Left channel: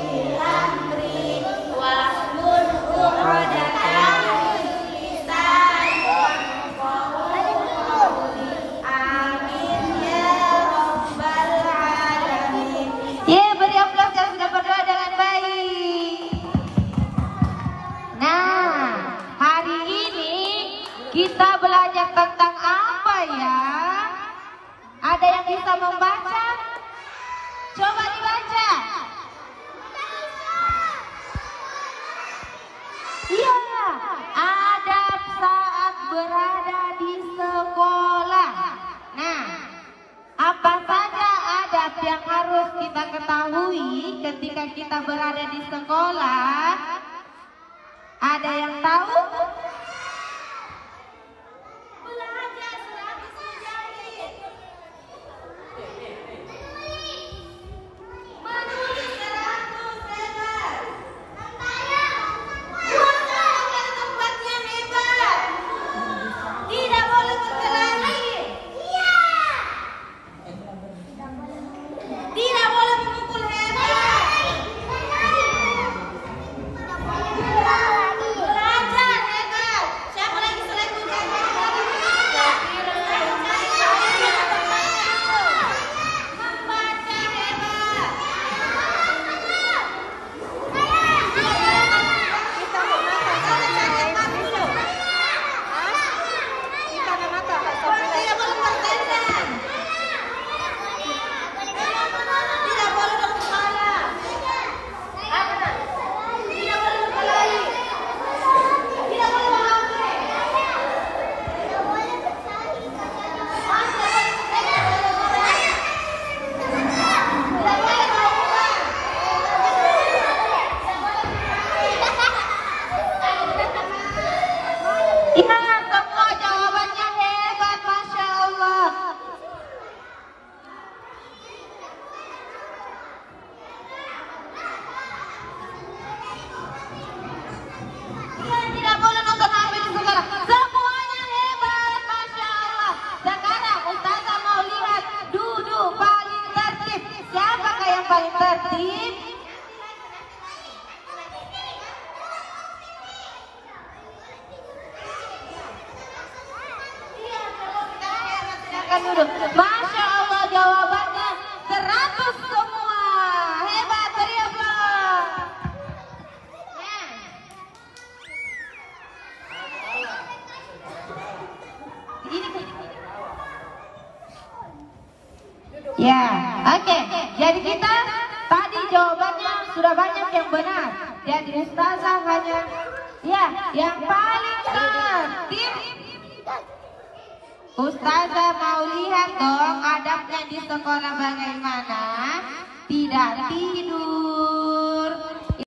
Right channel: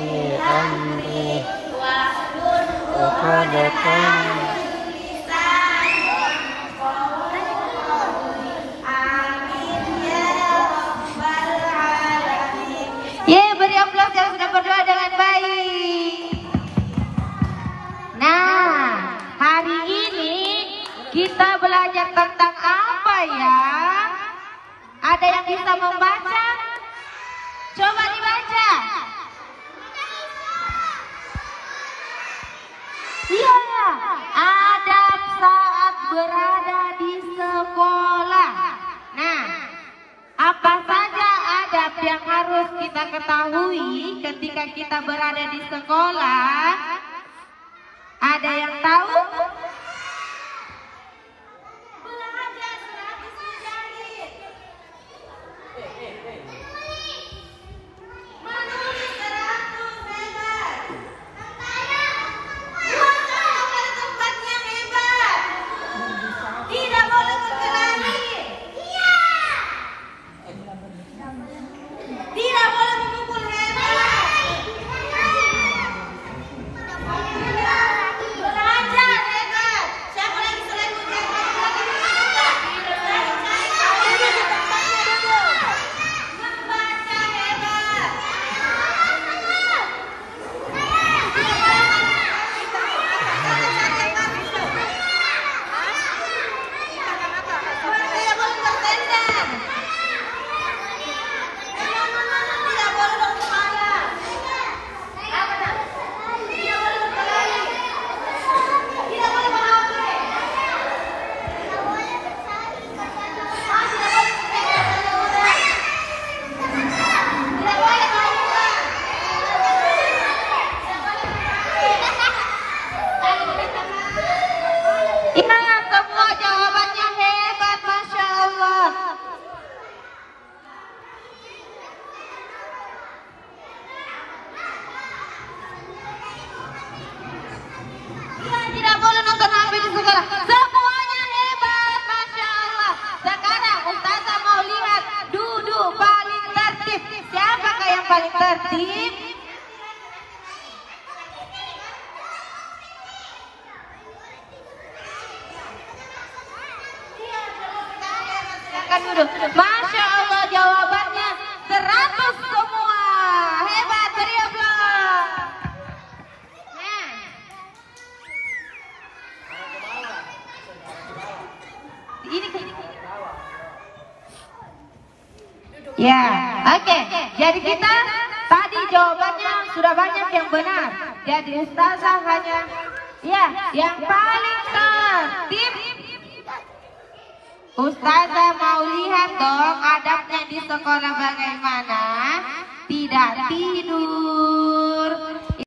أمري وقد Ya, beri aplaus yang sudah berdoa dengan baik. Nah, hari ini kita belajar tentang apa ya? Ada yang bisa membaca? Coba dibaca. Iya, adab saat berada di sekolah. Nah, apa saja adab yang harus kita ketahui ketika kita berada di sekolah? Ada yang tahu? Belajar 100 jari. Menulis 100 hebat. Buatlah tempatnya hebat. Tidak boleh berkelahi. Tidak boleh memukul hebat. Belajar hebat. Siapa lagi selain hebat? Membaca hebat. Semua jawabannya hebat, Masya Allah. Tidak boleh nonton HP di sekolah. Semuanya hebat, Masya Allah. Sekarang Ustazah mau lihat duduk paling tertib. Siapakah yang paling tertib? Masya Allah, jawabannya 100 semua. Hebat, beri aplaus. Nah. Ya, oke. Jadi kita tadi jawabannya sudah banyak yang benar. Jadi Ustazah hanya yang paling tertib. Ustazah mau lihat dong adabnya di sekolah bagaimana. Tidak